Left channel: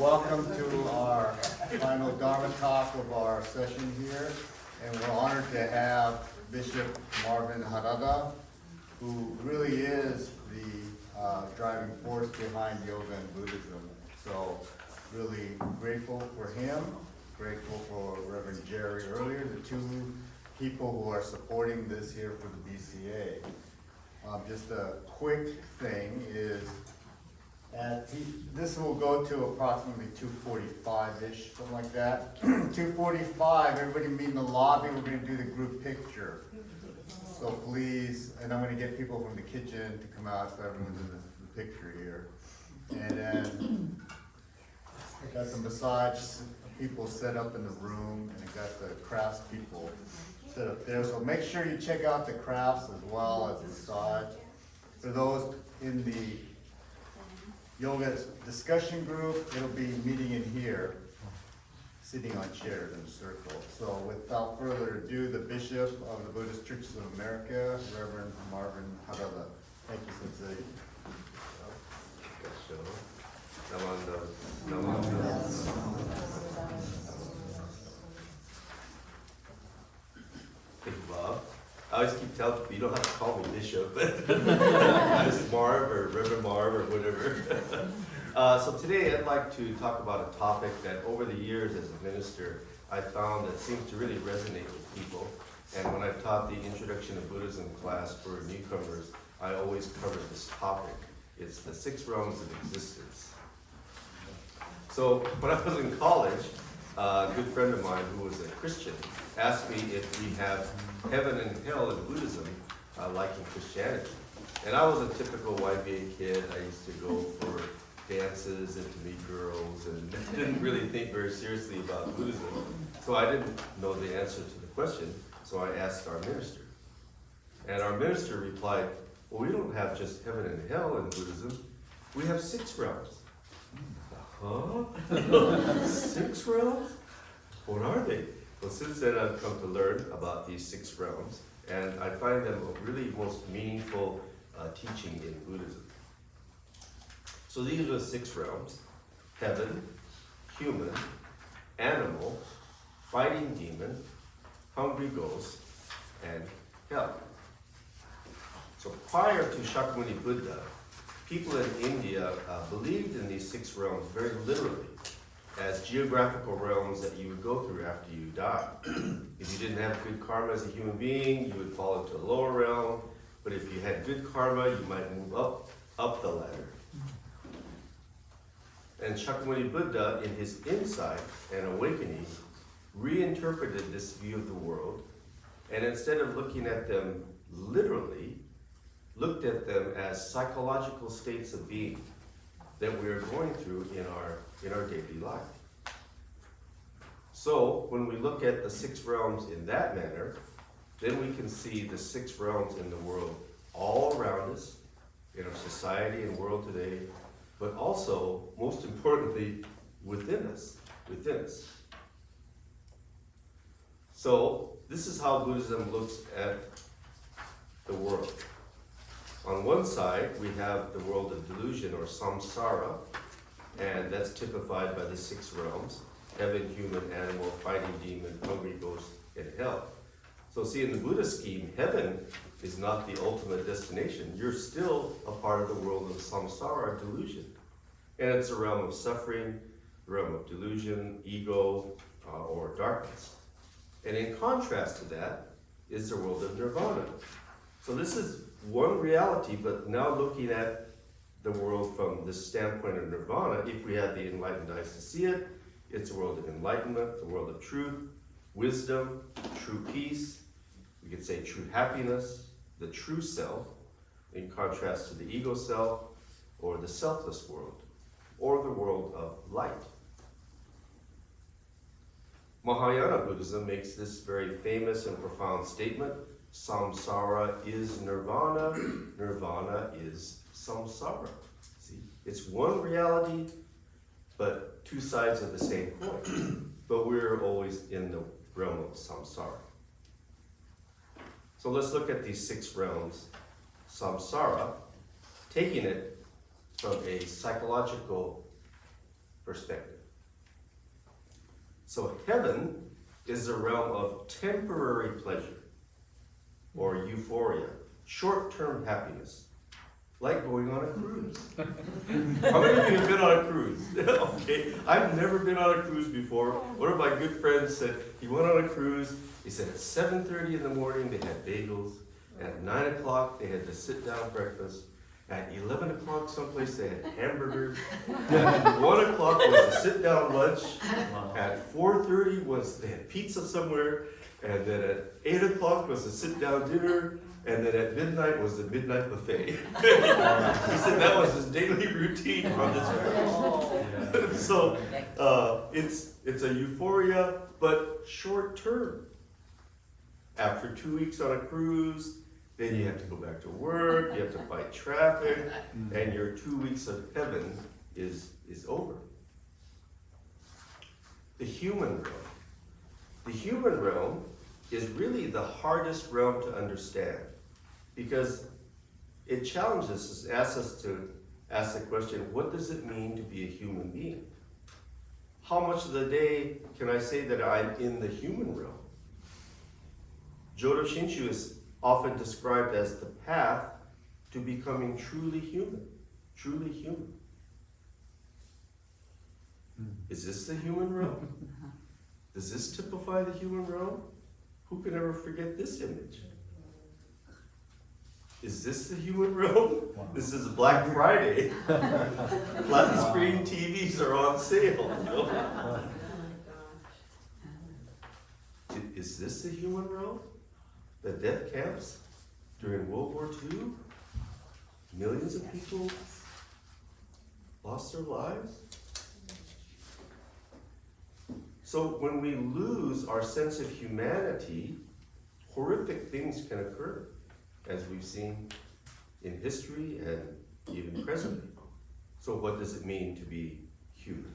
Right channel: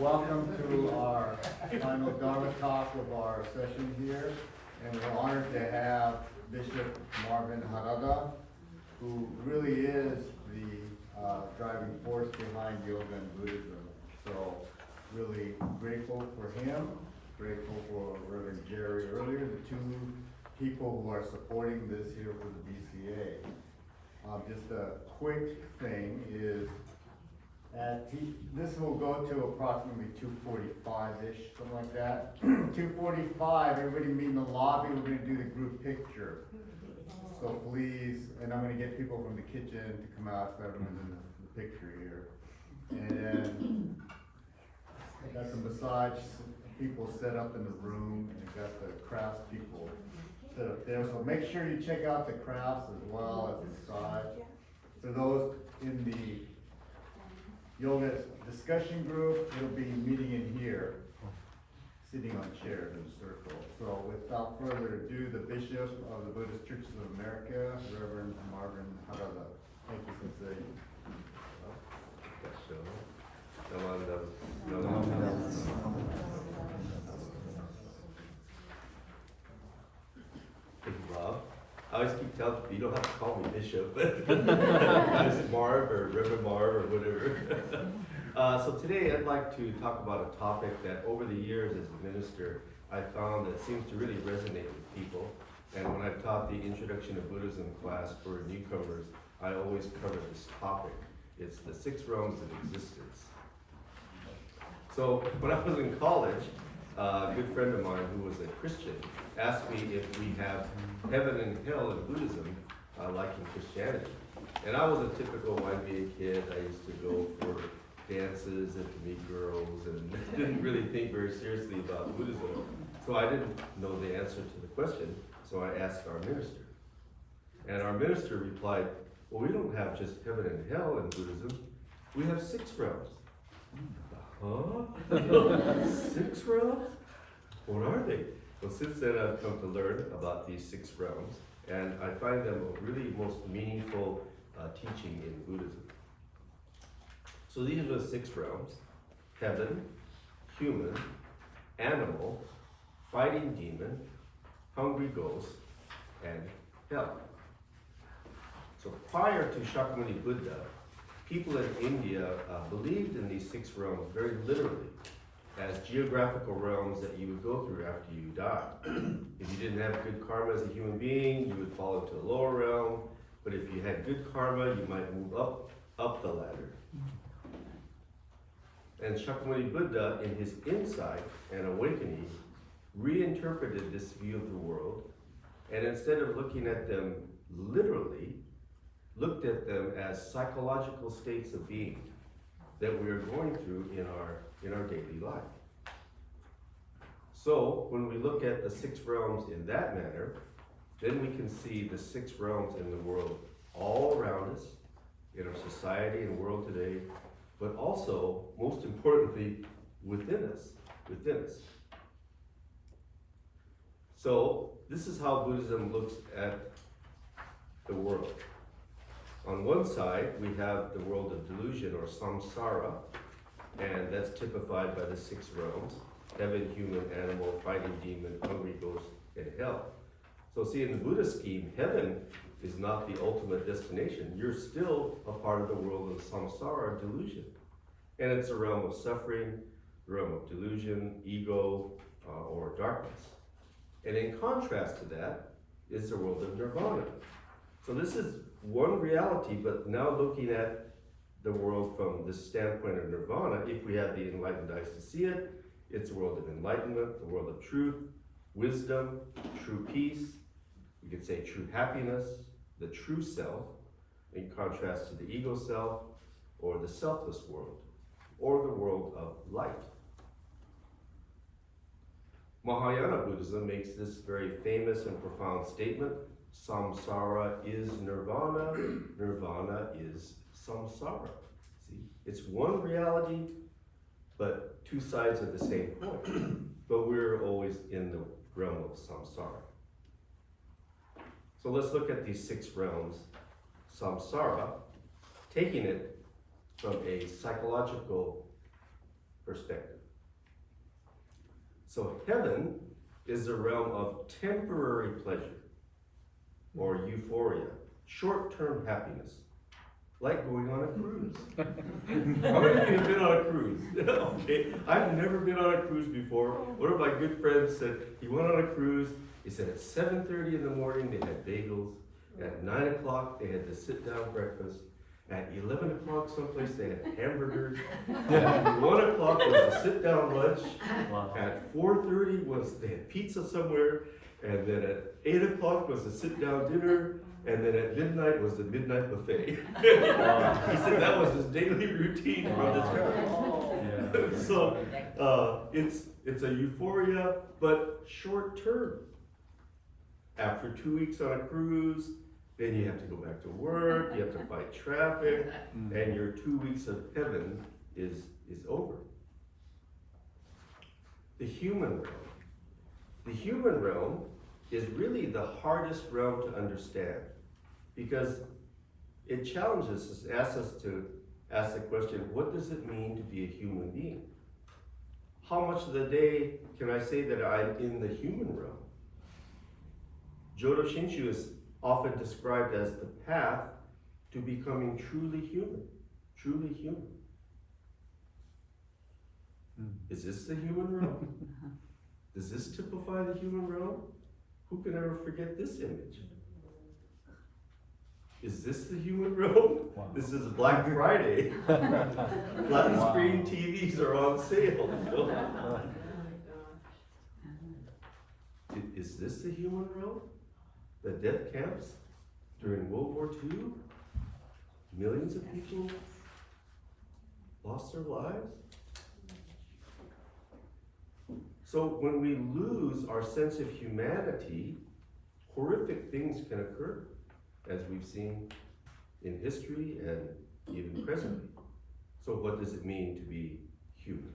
Welcome to our final Dharma talk of our session here. And we're honored to have Bishop Marvin Harada, who really is the driving force behind yoga and Buddhism. So really grateful for him, grateful for Reverend Jerry earlier, the two people who are supporting this here for the BCA. Just a quick thing is, this will go to approximately 2:45-ish, something like that. 2:45, everybody meet in the lobby, we're gonna do the group picture. So please, and I'm gonna get people from the kitchen to come out so everyone's in the picture here. And then, got some massage people set up in the room, and got the crafts people set up there. So make sure you check out the crafts as well as massage. For those in the yoga discussion group, it'll be meeting in here, sitting on chairs in a circle. So without further ado, the Bishop of the Buddhist Churches of America, Reverend Marvin Harada. Thank you, Sensei. Thank you, Bob. I always keep telling people, you don't have to call me Bishop, just Marv or Reverend Marv or whatever. So today I'd like to talk about a topic that over the years as a minister, I found that seems to really resonate with people. And when I've taught the Introduction to Buddhism class for newcomers, I always cover this topic. It's the 6 realms of existence. So when I was in college, a good friend of mine who was a Christian asked me if we have heaven and hell in Buddhism, like in Christianity. And I was a typical YBA kid. I used to go for dances and to meet girls and didn't really think very seriously about Buddhism. So I didn't know the answer to the question, so I asked our minister. And our minister replied, well, we don't have just heaven and hell in Buddhism, we have 6 realms. Huh? 6 realms? What are they? Well, since then I've come to learn about these 6 realms, and I find them a really most meaningful teaching in Buddhism. So these are the 6 realms: heaven, human, animal, fighting demon, hungry ghost, and hell. So prior to Shakyamuni Buddha, people in India believed in these 6 realms very literally, as geographical realms that you would go through after you die. If you didn't have good karma as a human being, you would fall into a lower realm, but if you had good karma, you might move up the ladder. And Shakyamuni Buddha, in his insight and awakening, reinterpreted this view of the world, and instead of looking at them literally, looked at them as psychological states of being that we are going through in our daily life. So when we look at the 6 realms in that manner, then we can see the 6 realms in the world all around us, in our society and world today, but also, most importantly, within us. So this is how Buddhism looks at the world. On one side, we have the world of delusion, or samsara, and that's typified by the 6 realms: heaven, human, animal, fighting demon, hungry ghost, and hell. So see, in the Buddhist scheme, heaven is not the ultimate destination. You're still a part of the world of samsara, delusion. And it's a realm of suffering, the realm of delusion, ego, or darkness. And in contrast to that is the world of nirvana. So this is one reality, but now looking at the world from the standpoint of nirvana, if we had the enlightened eyes to see it, it's a world of enlightenment, the world of truth, wisdom, true peace, we could say true happiness, the true self, in contrast to the ego self, or the selfless world, or the world of light. Mahayana Buddhism makes this very famous and profound statement: samsara is nirvana, nirvana is samsara. See, it's one reality, but 2 sides of the same coin. But we're always in the realm of samsara. So let's look at these 6 realms. Samsara, taking it from a psychological perspective. So heaven is the realm of temporary pleasure or euphoria, short-term happiness, like going on a cruise. How many of you have been on a cruise? Okay, I've never been on a cruise before. One of my good friends said he went on a cruise. He said at 7:30 in the morning they had bagels. At 9 o'clock they had the sit-down breakfast. At 11 o'clock someplace they had hamburgers. At 1 o'clock was the sit-down lunch. At 4:30 was they had pizza somewhere. And then at 8 o'clock was the sit-down dinner. And then at midnight was the midnight buffet. He said that was his daily routine on this cruise. So it's a euphoria, but short term. After 2 weeks on a cruise, then you have to go back to work, you have to fight traffic, and your 2 weeks of heaven is over. The human realm. The human realm is really the hardest realm to understand because it challenges us, asks us to ask the question, what does it mean to be a human being? How much of the day can I say that I'm in the human realm? Jodo Shinshu is often described as the path to becoming truly human, truly human. Is this the human realm? Does this typify the human realm? Who can ever forget this image? Is this the human realm? This is Black Friday. Flat screen TVs are on sale. Is this the human realm? The death camps during World War II? Millions of people lost their lives? So when we lose our sense of humanity, horrific things can occur, as we've seen in history and even presently. So what does it mean to be human?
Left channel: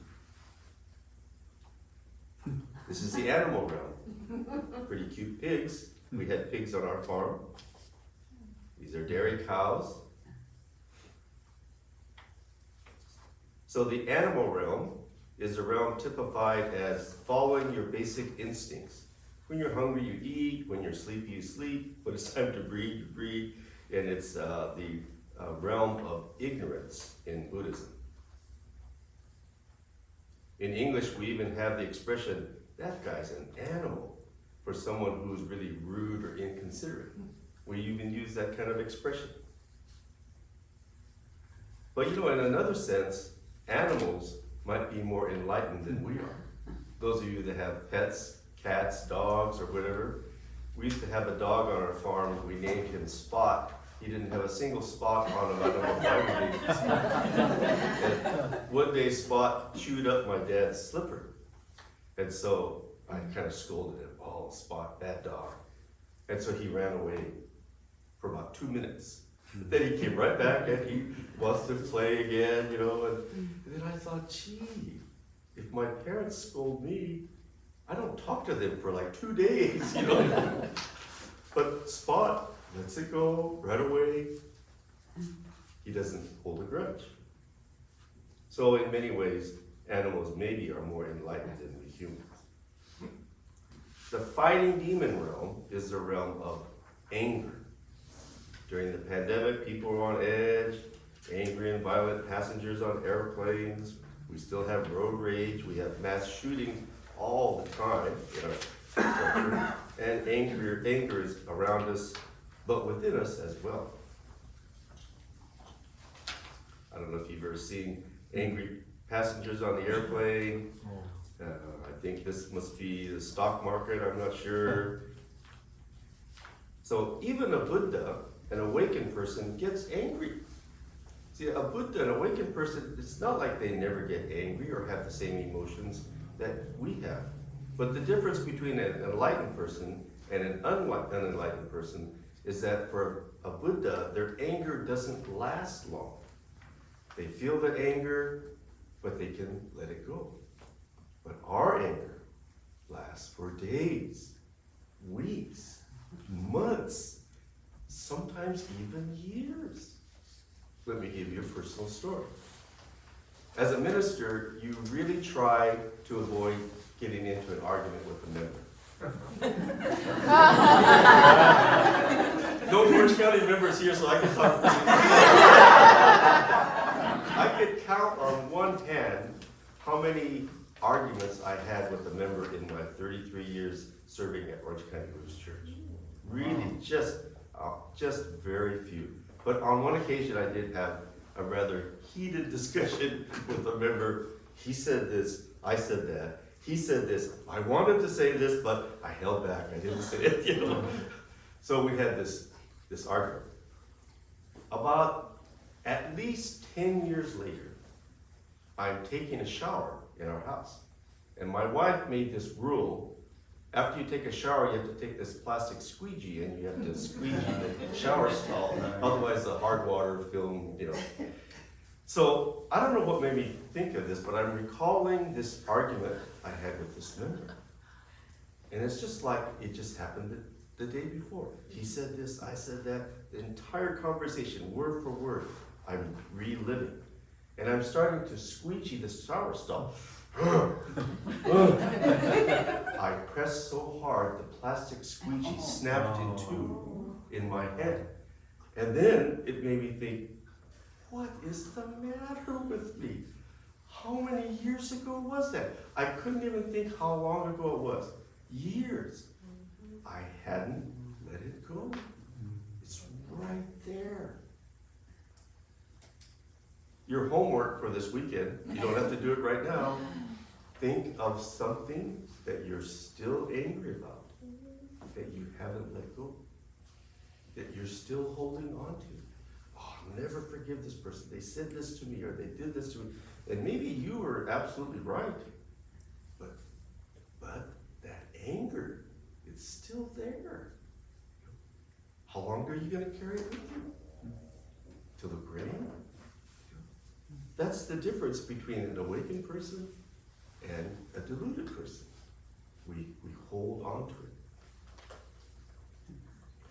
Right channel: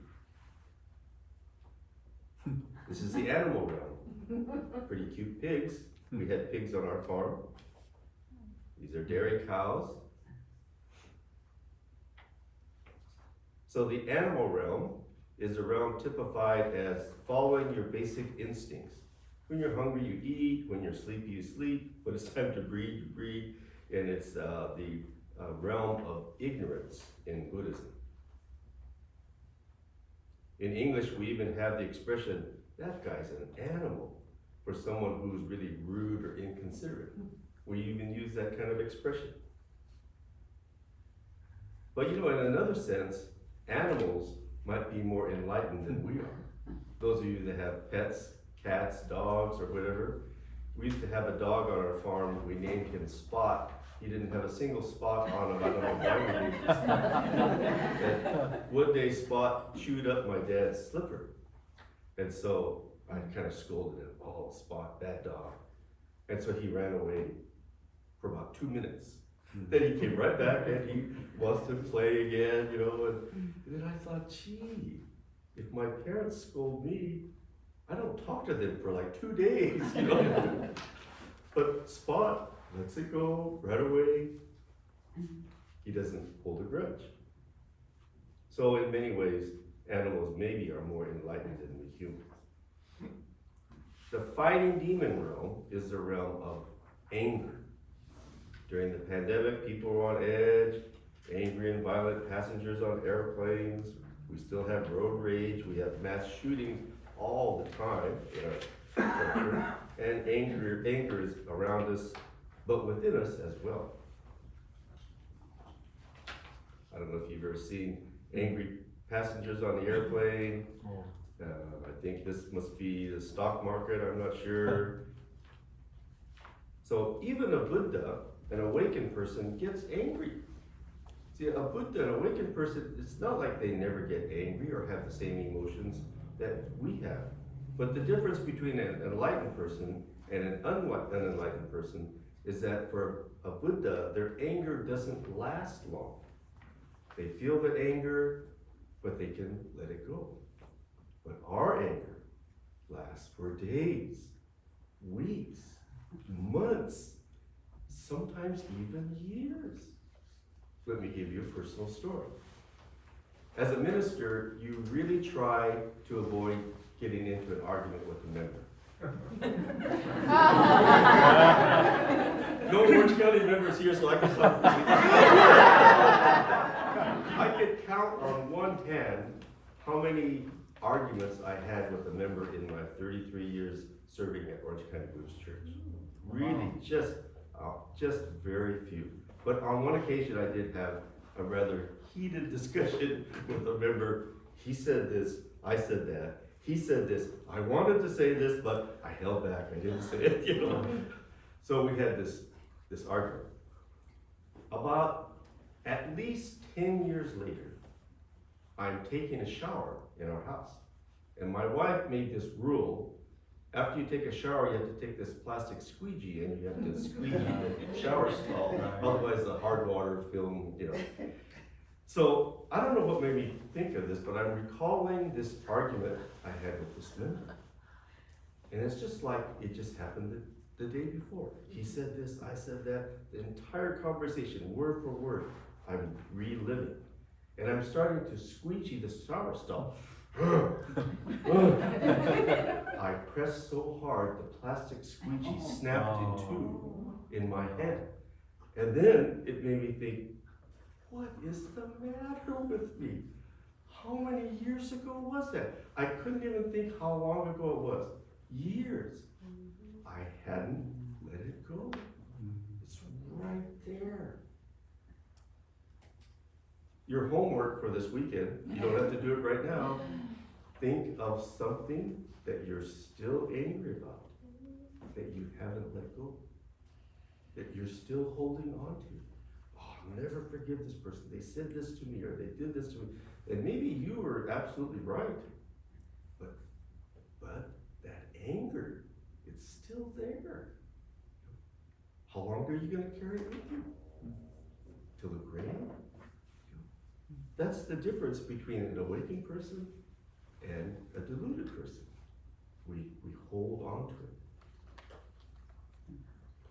This is the animal realm. Pretty cute pigs. We had pigs on our farm. These are dairy cows. So the animal realm is a realm typified as following your basic instincts. When you're hungry, you eat. When you're sleepy, you sleep. When it's time to breed, you breed. And it's the realm of ignorance in Buddhism. In English, we even have the expression, that guy's an animal, for someone who's really rude or inconsiderate. We even use that kind of expression. But you know, in another sense, animals might be more enlightened than we are. Those of you that have pets, cats, dogs, or whatever, we used to have a dog on our farm. We named him Spot. He didn't have a single spot on him. I don't know why we named him Spot. One day Spot chewed up my dad's slipper. And so I kind of scolded him, oh, Spot, bad dog. And so he ran away for about 2 minutes. But then he came right back and he wants to play again, you know, and then I thought, gee, if my parents scold me, I don't talk to them for like 2 days, you know. But Spot lets it go right away. He doesn't hold a grudge. So in many ways, animals maybe are more enlightened than we humans. The fighting demon realm is the realm of anger. During the pandemic, people were on edge, angry and violent passengers on airplanes. We still have road rage. We have mass shootings all the time in our culture. And anger is around us, but within us as well. I don't know if you've ever seen angry passengers on the airplane. I think this must be the stock market, I'm not sure. So even a Buddha, an awakened person, gets angry. See, a Buddha, an awakened person, it's not like they never get angry or have the same emotions that we have. But the difference between an enlightened person and an unenlightened person is that for a Buddha, their anger doesn't last long. They feel the anger, but they can let it go. But our anger lasts for days, weeks, months, sometimes even years. Let me give you a personal story. As a minister, you really try to avoid getting into an argument with a member. No Orange County members here, so I can talk. I could count on one hand how many arguments I had with a member in my 33 years serving at Orange County Buddhist Church. Really, just very few. But on one occasion, I did have a rather heated discussion with a member. He said this, I said that. He said this, I wanted to say this, but I held back, I didn't say it, you know. So we had this argument. About at least 10 years later, I'm taking a shower in our house. And my wife made this rule, after you take a shower, you have to take this plastic squeegee and you have to squeegee the shower stall, otherwise the hard water film, you know. So, I don't know what made me think of this, but I'm recalling this argument I had with this member. And it's just like it just happened the day before. He said this, I said that, the entire conversation, word for word, I'm reliving. And I'm starting to squeegee the shower stall. I pressed so hard, the plastic squeegee snapped in two in my head. And then it made me think, what is the matter with me? How many years ago was that? I couldn't even think how long ago it was. Years. I hadn't let it go. It's right there. Your homework for this weekend, you don't have to do it right now. Think of something that you're still angry about, that you haven't let go, that you're still holding on to. Oh, I'll never forgive this person. They said this to me, or they did this to me. And maybe you were absolutely right, but that anger, it's still there. How long are you going to carry it with you? Till the grave? That's the difference between an awakened person and a deluded person. We hold on to it.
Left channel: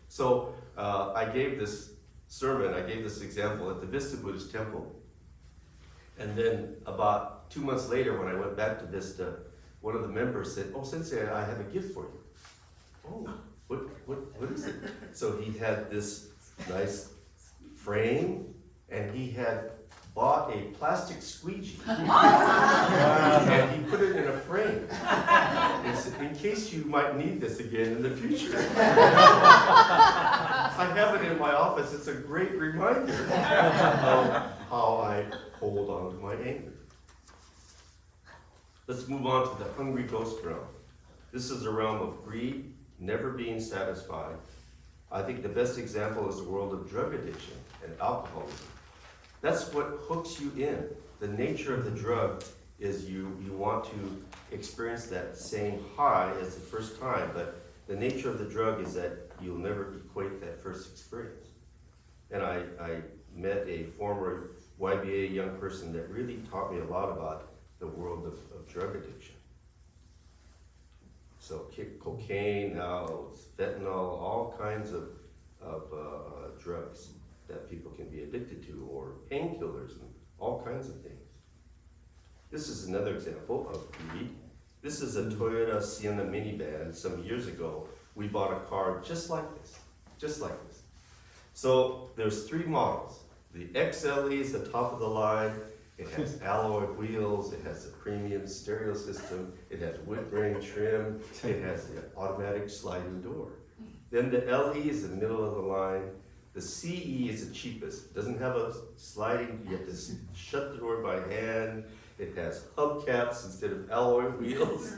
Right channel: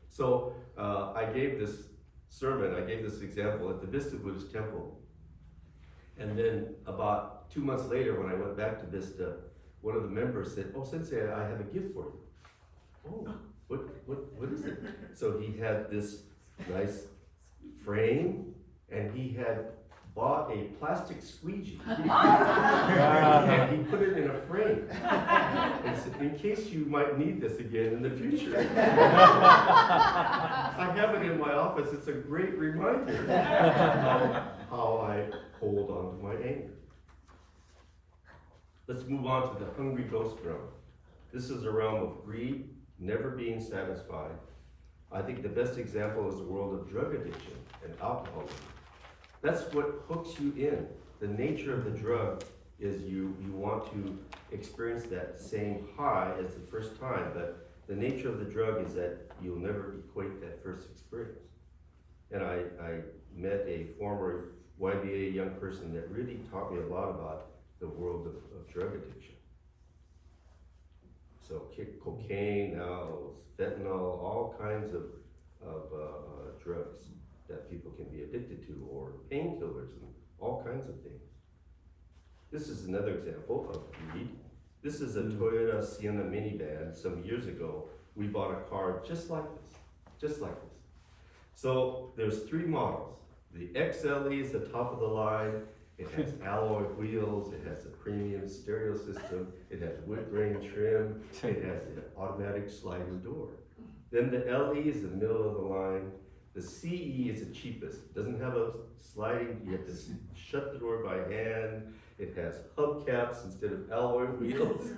So I gave this sermon, I gave this example at the Vista Buddhist Temple. And then about 2 months later, when I went back to Vista, one of the members said, "Oh, Sensei, I have a gift for you." "Oh, what is it?" So he had this nice frame, and he had bought a plastic squeegee and he put it in a frame. And said, "In case you might need this again in the future." I have it in my office. It's a great reminder of how I hold on to my anger. Let's move on to the hungry ghost realm. This is a realm of greed, never being satisfied. I think the best example is the world of drug addiction and alcoholism. That's what hooks you in. The nature of the drug is you want to experience that same high as the first time, but the nature of the drug is that you'll never equate that first experience. And I met a former YBA young person that really taught me a lot about the world of drug addiction. So cocaine, now fentanyl, all kinds of drugs that people can be addicted to, or painkillers and all kinds of things. This is another example of greed. This is a Toyota Sienna minivan. Some years ago, we bought a car just like this. So there's 3 models. The XLE is the top of the line. It has alloy wheels, it has a premium stereo system, it has wood grain trim, it has the automatic sliding door. Then the LE is the middle of the line. The CE is the cheapest. It doesn't have a sliding, you have to shut the door by hand. It has hubcaps instead of alloy wheels.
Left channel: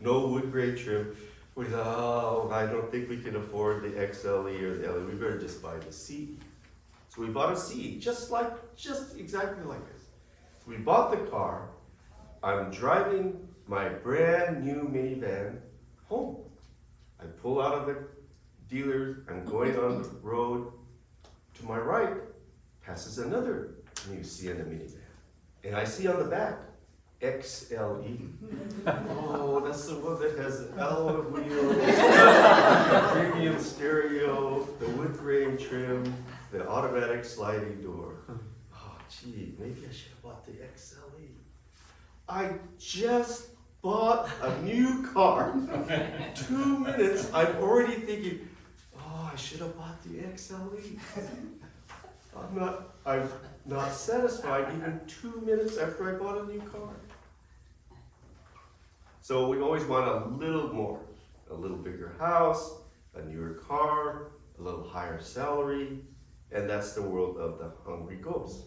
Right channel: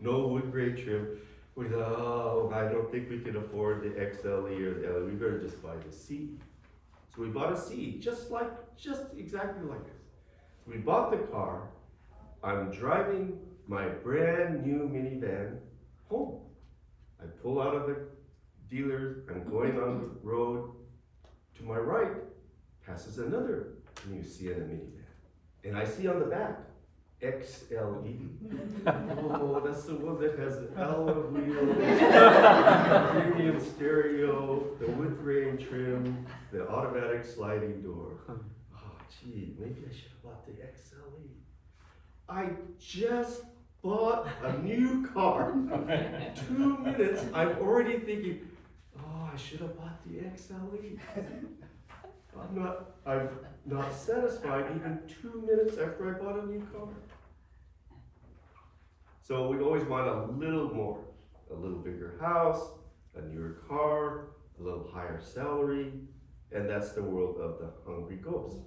No wood grain trim. We thought, I don't think we can afford the XLE or the LE. We better just buy the CE. So we bought a CE, just exactly like this. So we bought the car. I'm driving my brand new minivan home. I pull out of the dealer, I'm going on the road. To my right, passes another new Sienna minivan. And I see on the back, XLE. Oh, that's the one that has the alloy wheels, the premium stereo, the wood grain trim, the automatic sliding door. Oh, gee, maybe I should have bought the XLE. I just bought a new car. 2 minutes, I'm already thinking, oh, I should have bought the XLE. I'm not satisfied even 2 minutes after I bought a new car. So we always want a little more, a little bigger house, a newer car, a little higher salary, and that's the world of the hungry ghost.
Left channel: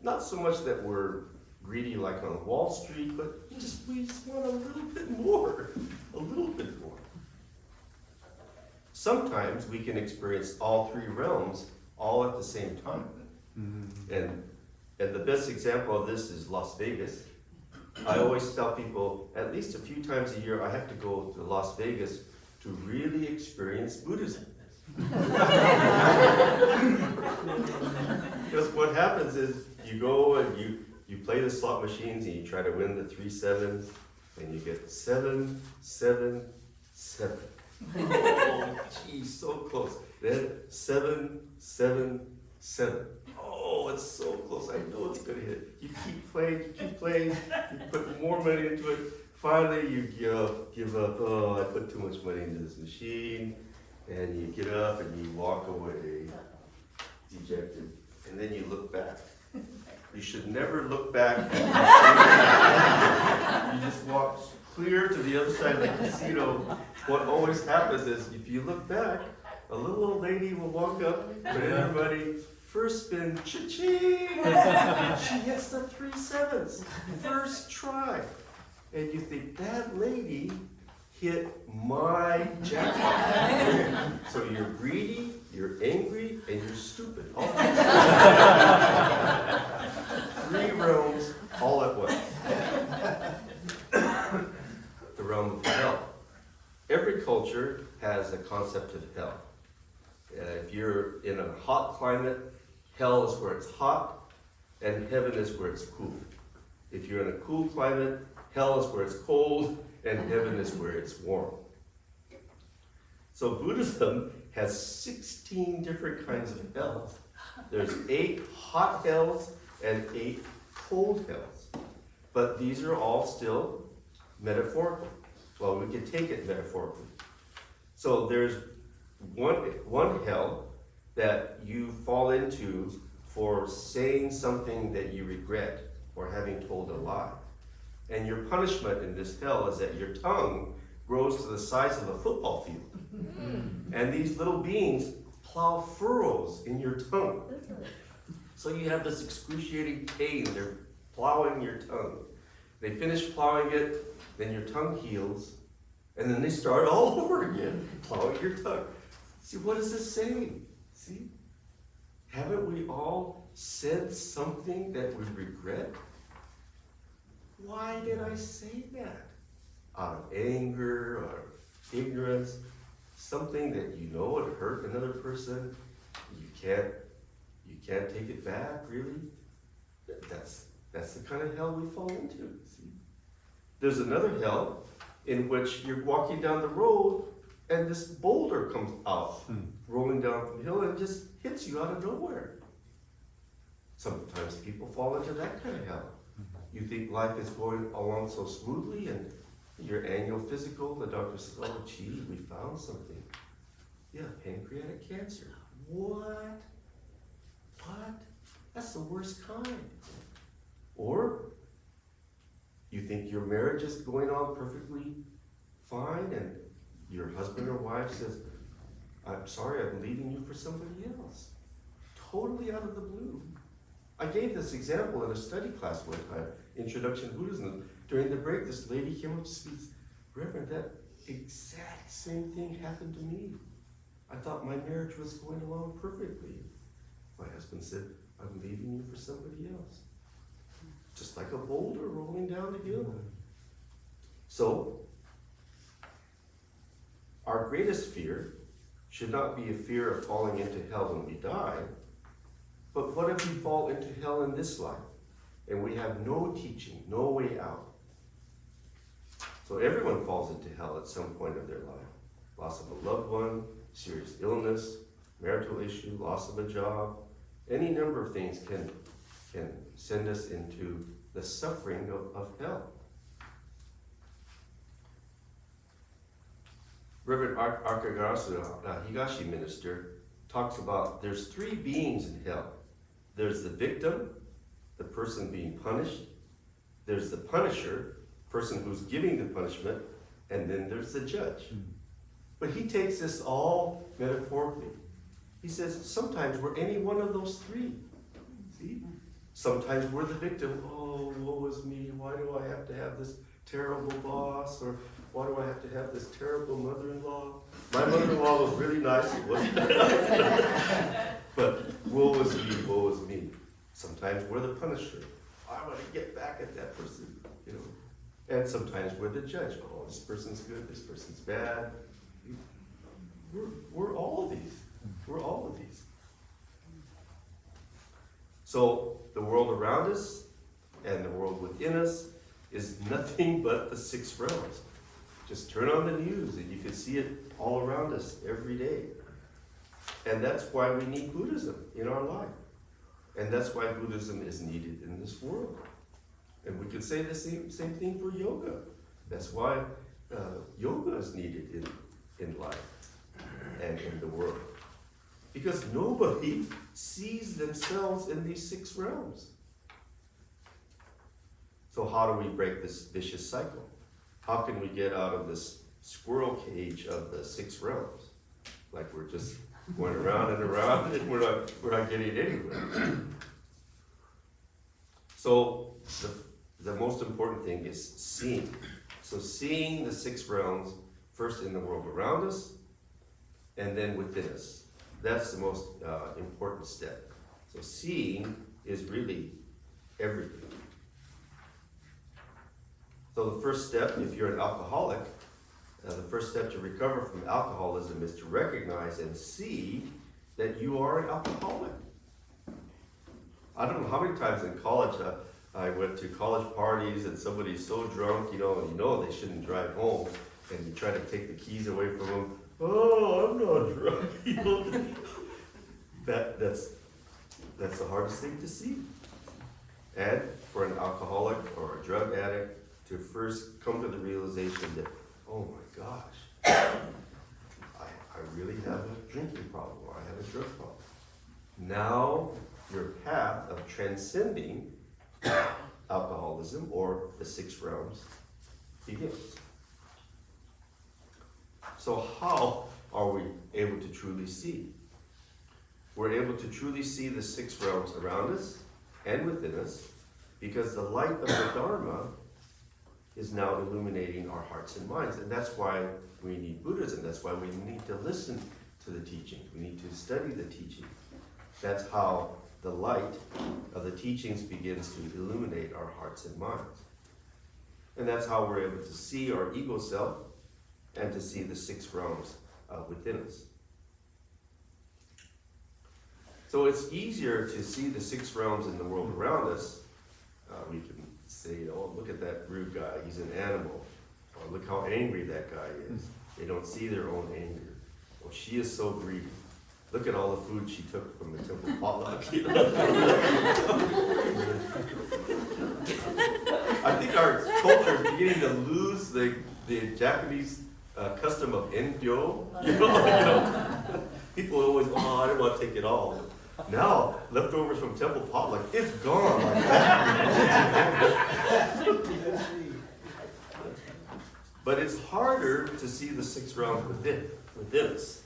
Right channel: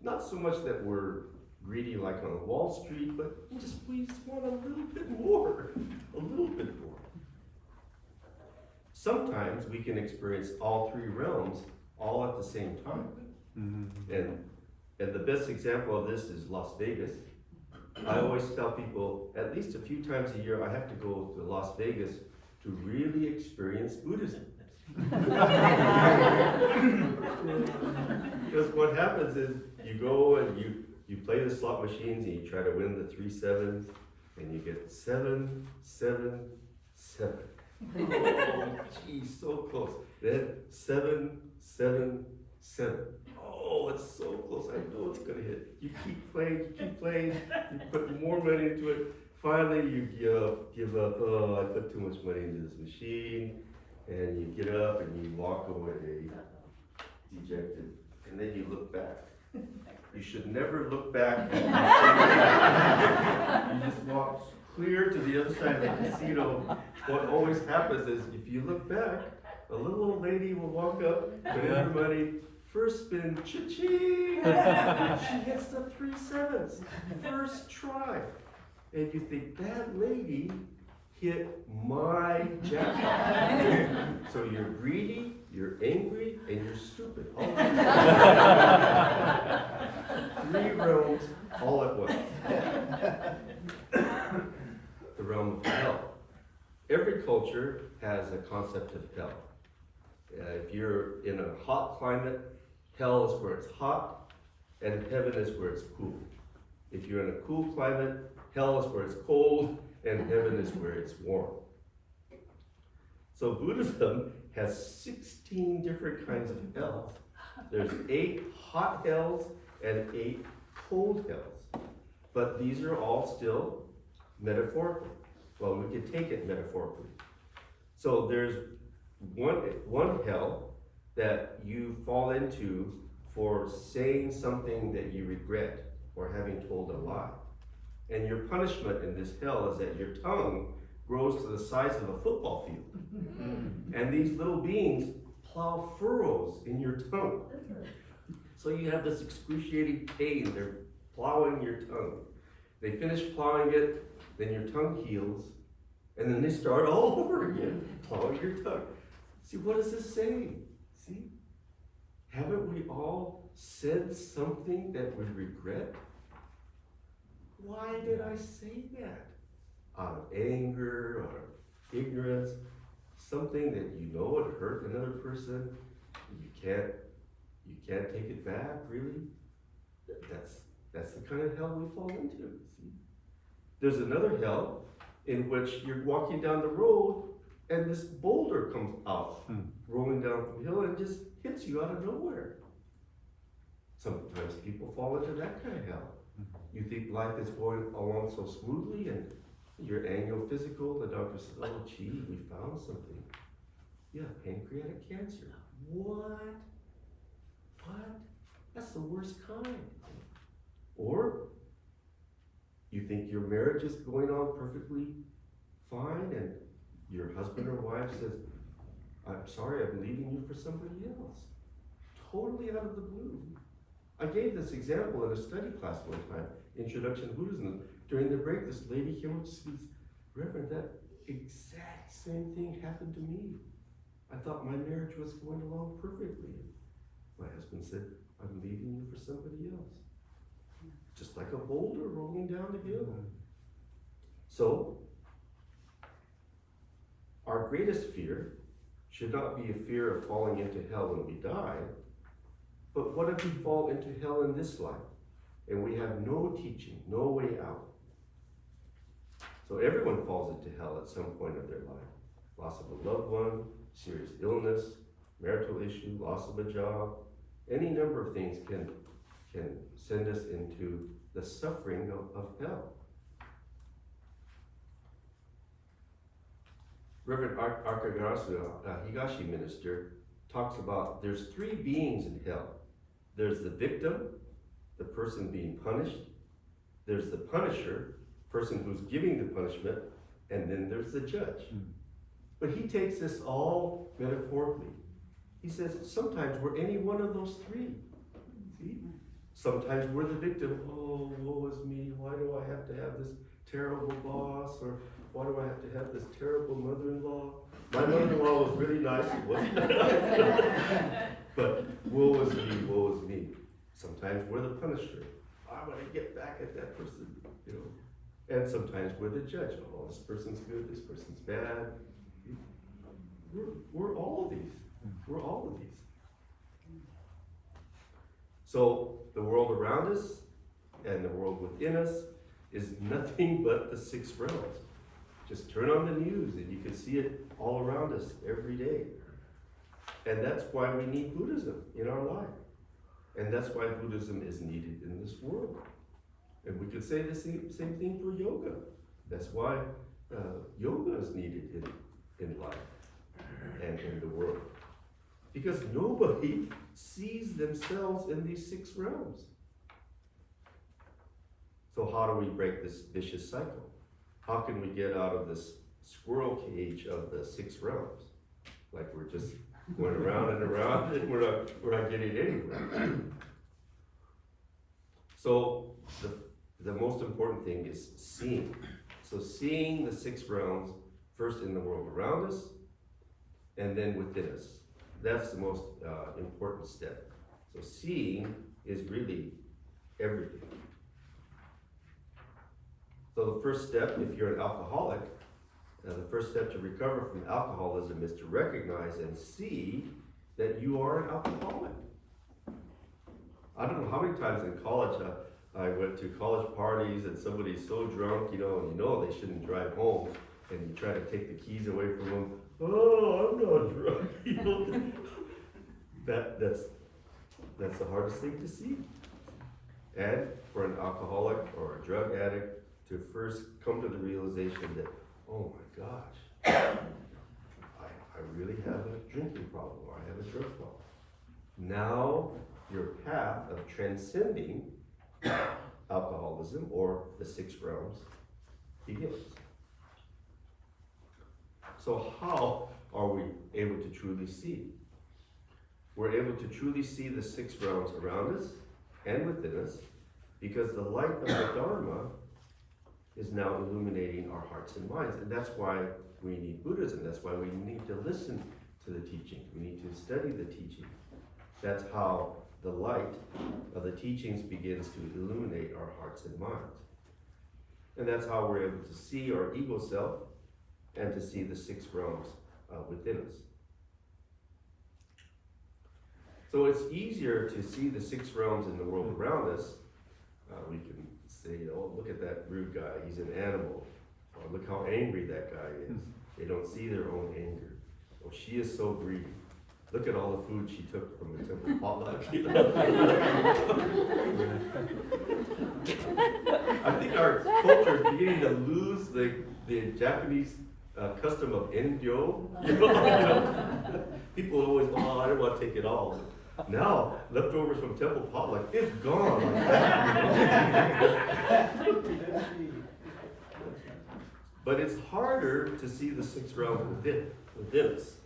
Not so much that we're greedy like on Wall Street, but we just want a little bit more, a little bit more. Sometimes we can experience all three realms all at the same time. And the best example of this is Las Vegas. I always tell people at least a few times a year I have to go to Las Vegas to really experience Buddhism. Because what happens is you go and you play the slot machines and you try to win the 3 sevens and you get 7, 7, 7. Oh, geez, so close. Then 7, 7, 7. Oh, it's so close. I know it's gonna hit. You keep playing, you put more money into it. Finally, you give up. Oh, I put too much money into this machine. And you get up and you walk away, dejected. And then you look back. You should never look back. You just walk clear to the other side of the casino. What always happens is if you look back, a little old lady will walk up, put in her money, first spin, cha-ching! She hits the 3 sevens, first try. And you think, that lady hit my jackpot. So you're greedy, you're angry, and you're stupid. All 3 realms all at once. The realm of hell. Every culture has a concept of hell. If you're in a hot climate, hell is where it's hot, and heaven is where it's cool. If you're in a cool climate, hell is where it's cold, and heaven is where it's warm. So Buddhism has 16 different kinds of hells. There's 8 hot hells and 8 cold hells. But these are all still metaphorical. Well, we could take it metaphorically. So there's one hell that you fall into for saying something that you regret or having told a lie. And your punishment in this hell is that your tongue grows to the size of a football field. And these little beings plow furrows in your tongue. So you have this excruciating pain. They're plowing your tongue. They finish plowing it, then your tongue heals, and then they start all over again, plowing your tongue. See, what is this saying? See? Haven't we all said something that we regret? Why did I say that? Out of anger or ignorance, something that you know would hurt another person, you can't take it back, really? That's the kind of hell we fall into, see? There's another hell in which you're walking down the road and this boulder comes out, rolling down from the hill and just hits you out of nowhere. Sometimes people fall into that kind of hell. You think life is going along so smoothly and your annual physical, the doctor says, oh gee, we found something. Yeah, pancreatic cancer. What? That's the worst kind. Or you think your marriage is going on perfectly fine and your husband or wife says, I'm sorry, I'm leaving you for somebody else. Totally out of the blue. I gave this example in a study class one time, Introduction to Buddhism. During the break, this lady came up to me, Reverend, that exact same thing happened to me. I thought my marriage was going along perfectly. My husband said, I'm leaving you for somebody else. Just like a boulder rolling down the hill. So, our greatest fear should not be a fear of falling into hell when we die, but what if we fall into hell in this life and we have no teaching, no way out? So everyone falls into hell at some point of their life. Loss of a loved one, serious illness, marital issue, loss of a job, any number of things can and send us into the suffering of hell. Reverend Akagarasu, Higashi minister, talks about there's three beings in hell. There's the victim, the person being punished. There's the punisher, person who's giving the punishment, and then there's the judge. But he takes this all metaphorically. He says, sometimes we're any one of those three. See? Sometimes we're the victim. Oh, woe is me. Why do I have to have this terrible boss? Or why do I have to have this terrible mother-in-law? My mother-in-law was really nice, it wasn't. But woe is me, woe is me. Sometimes we're the punisher. I want to get back at that person, you know. And sometimes we're the judge. Oh, this person's good, this person's bad. We're all of these. We're all of these. So the world around us and the world within us is nothing but the six realms. Just turn on the news and you can see it all around us every day. And that's why we need Buddhism in our life. And that's why Buddhism is needed in this world. And we could say the same thing for yoga. That's why yoga is needed in life and in the world. Because nobody sees themselves in these six realms. So how do we break this vicious cycle? How can we get out of this squirrel cage of the six realms? Like we're just going around and around and we're not getting anywhere. So the most important thing is seeing. So seeing the six realms, first in the world around us, and then within us. That's the most important step. So seeing is really everything. So the first step, if you're an alcoholic, the first step to recover from alcoholism is to recognize and see that you are an alcoholic. I don't know how many times in college I went to college parties and somebody's so drunk, and you know they shouldn't drive home, and you try to take the keys away from them. Oh, I'm not drunk. That's the hardest thing to see. And for an alcoholic or a drug addict to first come to the realization that, oh my gosh, I really have a drinking problem, or I have a drug problem. Now your path of transcending alcoholism or the six realms begins. So how are we able to truly see? We're able to truly see the six realms around us and within us because the light of the Dharma is now illuminating our hearts and minds. And that's why we need Buddhism. That's why we need to listen to the teachings. We need to study the teachings. That's how the light of the teachings begins to illuminate our hearts and minds. And that's how we're able to see our ego self and to see the six realms within us. So it's easier to see the six realms in the world around us. We can say, oh, look at that rude guy, he's an animal. Or look how angry that guy is. They don't see their own anger. Oh, she is so greedy. Look at all the food she took from the temple potluck. I think our culture is beginning to lose the Japanese custom of endyo. People always, oh, I didn't want to take it all. Now, leftovers from temple potluck, it's gone like that. But it's harder to see the six realms within us.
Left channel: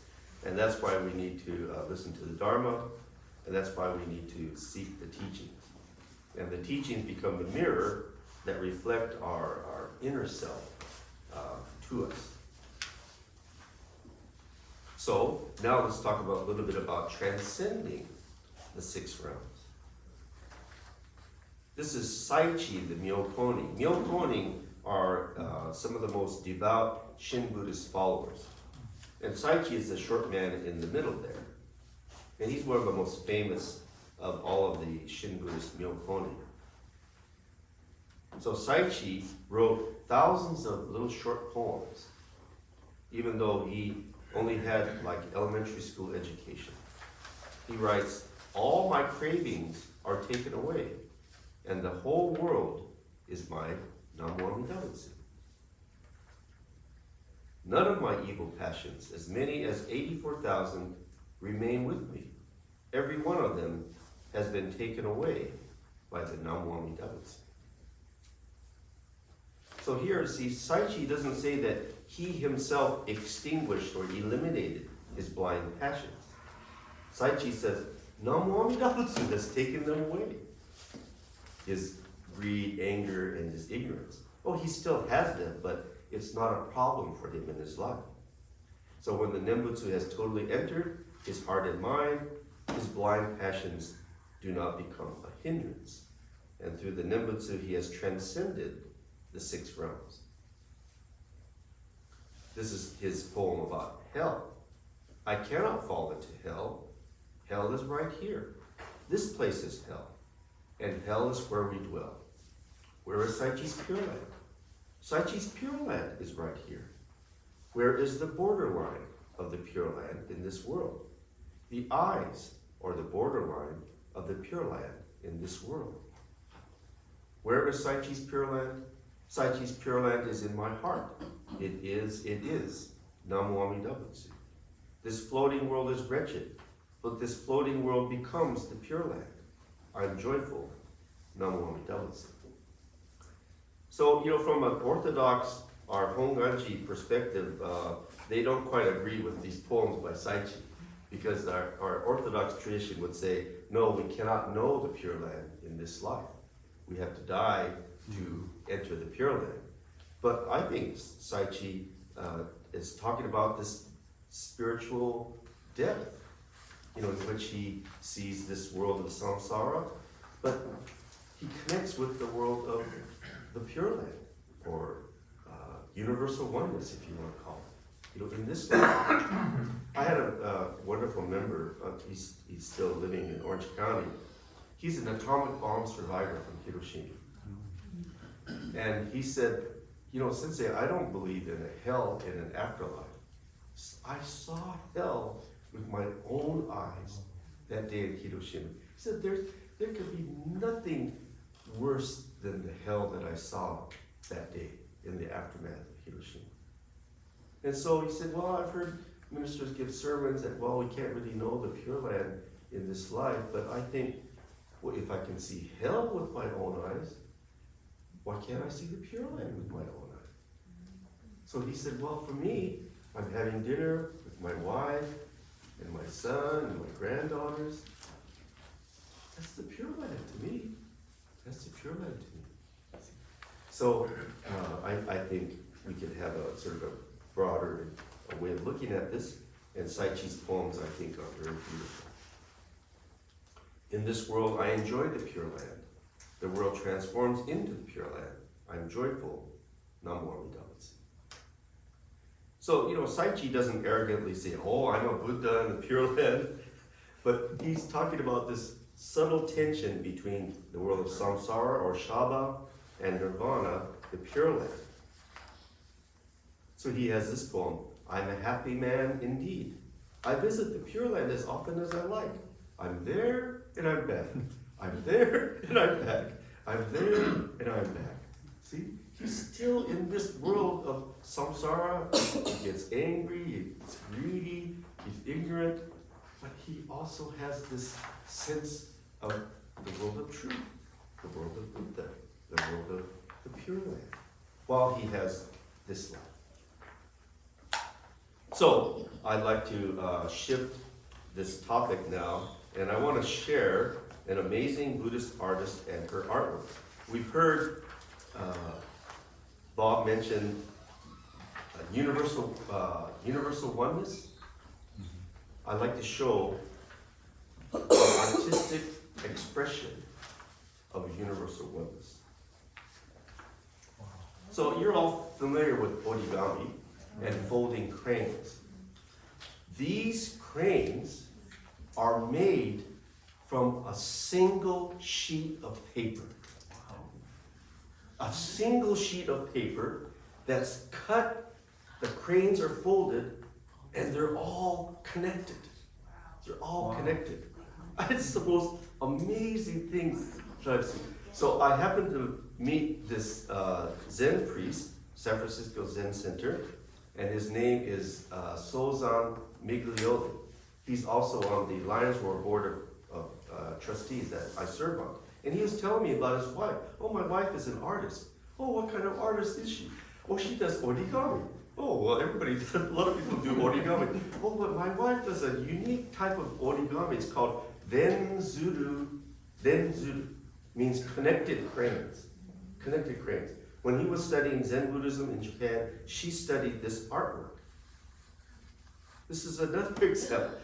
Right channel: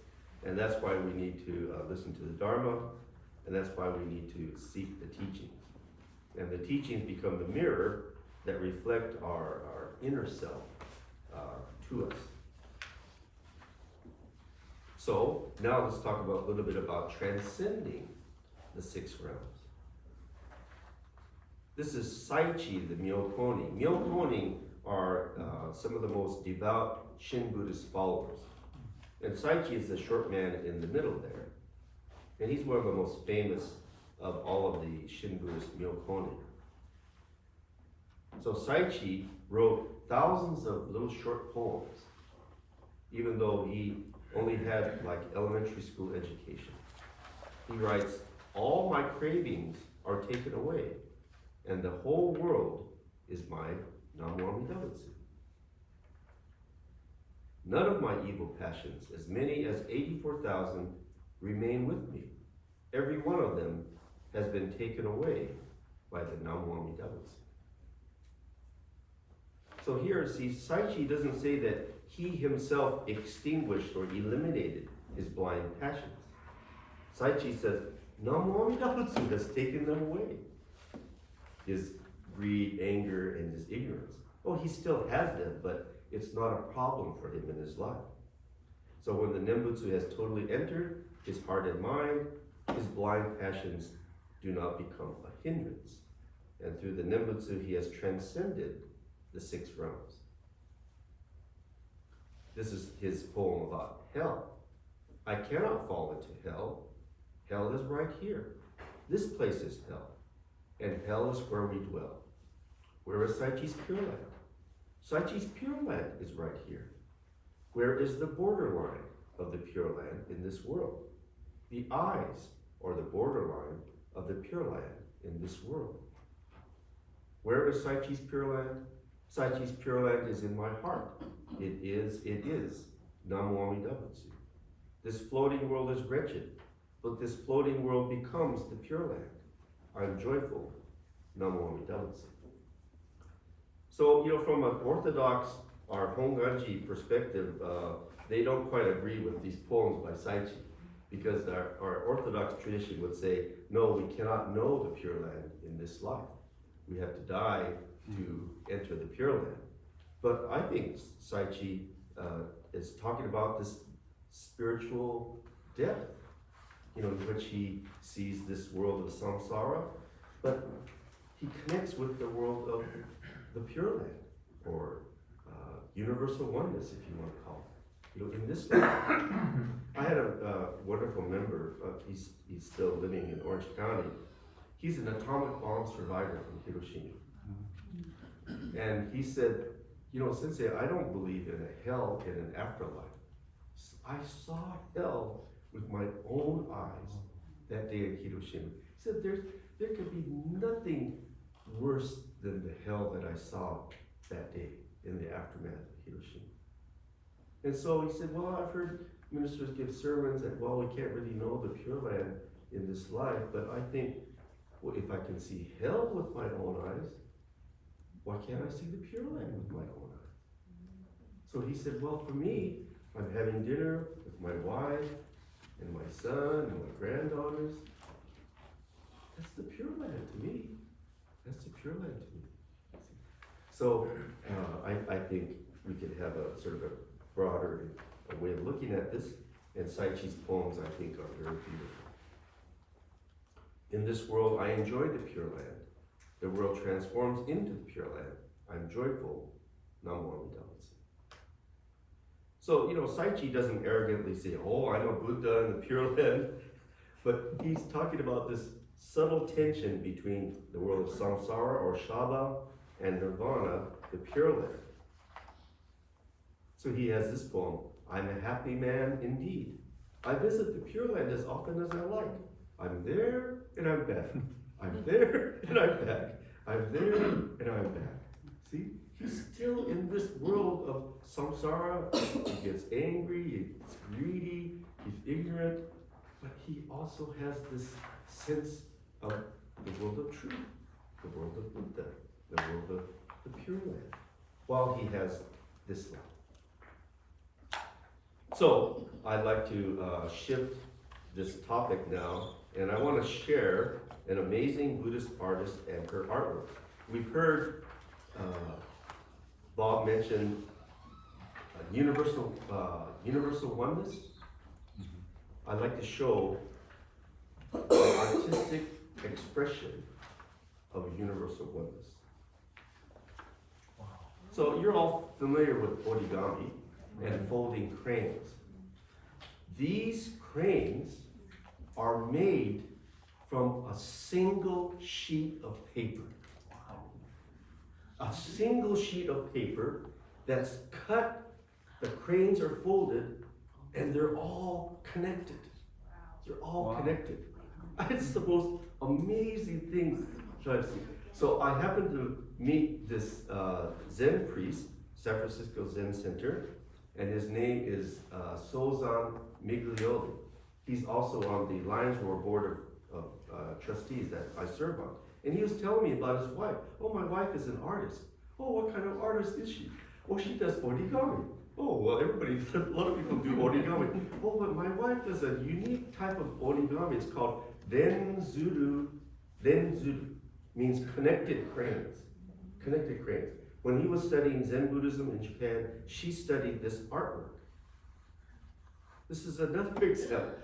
And that's why we need to listen to the Dharma, and that's why we need to seek the teachings. And the teachings become the mirror that reflect our inner self to us. So now let's talk a little bit about transcending the six realms. This is Saichi, the Myokoni. Myokoni are some of the most devout Shin Buddhist followers. And Saichi is the short man in the middle there. And he's one of the most famous of all of the Shin Buddhist Myokoni. So Saichi wrote thousands of little short poems, even though he only had like elementary school education. He writes, all my cravings are taken away, and the whole world is my Nam-myoho-myo-daibutsu. None of my evil passions, as many as 84,000, remain with me. Every one of them has been taken away by the Nam-myoho-myo-daibutsu. So here, see, Saichi doesn't say that he himself extinguished or eliminated his blind passions. Saichi says, Nam-myoho-myo-daibutsu has taken them away. His greed, anger, and his ignorance. Oh, he still has them, but it's not a problem for him in his life. So when the Nembutsu has totally entered his heart and mind, his blind passions do not become a hindrance. And through the Nembutsu, he has transcended the 6 realms. This is his poem about hell. I cannot fall into hell. Hell is right here. This place is hell. And hell is where we dwell. Where is Saichi's Pure Land? Saichi's Pure Land is right here. Where is the borderline of the Pure Land in this world? The eyes, or the borderline of the Pure Land in this world. Where is Saichi's Pure Land? Saichi's Pure Land is in my heart. It is Nam-myoho-myo-daibutsu. This floating world is wretched, but this floating world becomes the Pure Land. I'm joyful, Nam-myoho-myo-daibutsu. So, from an Orthodox or Honganji perspective, they don't quite agree with these poems by Saichi, because our Orthodox tradition would say, no, we cannot know the Pure Land in this life. We have to die to enter the Pure Land. But I think Saichi is talking about this spiritual death, in which he sees this world of samsara, but he connects with the world of the Pure Land, or universal oneness, if you want to call it. In this life, I had a wonderful member. He's still living in Orange County. He's an atomic bomb survivor from Hiroshima. And he said, Sensei, I don't believe in a hell in an afterlife. I saw hell with my own eyes that day in Hiroshima. He said, there could be nothing worse than the hell that I saw that day in the aftermath of Hiroshima. And so he said, well, I've heard ministers give sermons that, well, we can't really know the Pure Land in this life, but I think, well, if I can see hell with my own eyes, why can't I see the Pure Land with my own eyes? So he said, well, for me, I'm having dinner with my wife and my son and my granddaughters. That's the Pure Land to me. That's the Pure Land to me. So I think we could have a sort of a broader way of looking at this, and Saichi's poems, I think, are very beautiful. In this world, I enjoy the Pure Land. The world transforms into the Pure Land. I'm joyful, Nam-myoho-myo-daibutsu. So, Saichi doesn't arrogantly say, oh, I know Buddha and the Pure Land, but he's talking about this subtle tension between the world of samsara, or Shaba, and nirvana, the Pure Land. So he has this poem, I'm a happy man indeed. I visit the Pure Land as often as I like. I'm there and I'm back. I'm there and I'm back. I'm there and I'm back. See, he's still in this world of samsara. He gets angry, he gets greedy, he's ignorant, but he also has this sense of the world of truth, the world of Buddha, the world of the Pure Land, while he has this life. So, I'd like to shift this topic now, and I want to share an amazing Buddhist artist and her artwork. We've heard Bob mention universal oneness. I'd like to show an artistic expression of a universal oneness. So you're all familiar with origami and folding cranes. These cranes are made from a single sheet of paper. A single sheet of paper that's cut, the cranes are folded, and they're all connected. They're all connected. It's the most amazing thing that I've seen. So I happened to meet this Zen priest, San Francisco Zen Center, and his name is Sozan Miglioli. He's also on the Lions Roar Board of Trustees that I serve on. And he was telling me about his wife. Oh, my wife is an artist. Oh, what kind of artist is she? Oh, she does origami. Oh, well, a lot of people do origami. Oh, but my wife does a unique type of origami. It's called Denzuru. Denzuru means connected cranes. Connected cranes. When he was studying Zen Buddhism in Japan, she studied this artwork. This is another example.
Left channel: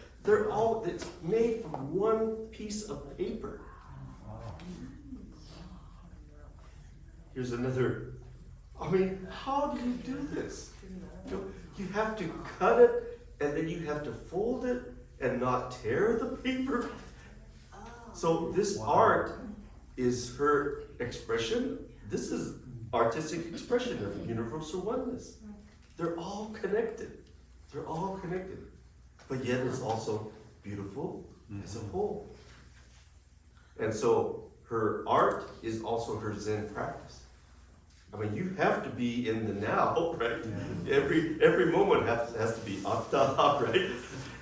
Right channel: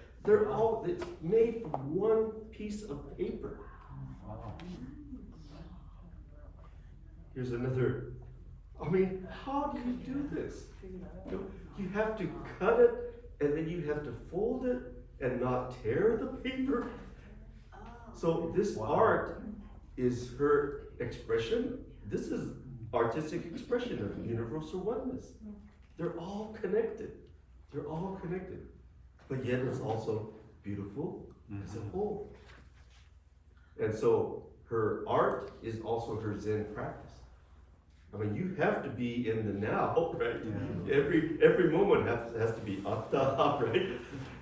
It's made from one piece of paper. Here's another. I mean, how do you do this? You have to cut it, and then you have to fold it and not tear the paper. So this art is her expression. This is artistic expression of universal oneness. They're all connected. They're all connected. But yet it's also beautiful as a whole. And so her art is also her Zen practice. I mean, you have to be in the now, right? Every moment has to be atta, right?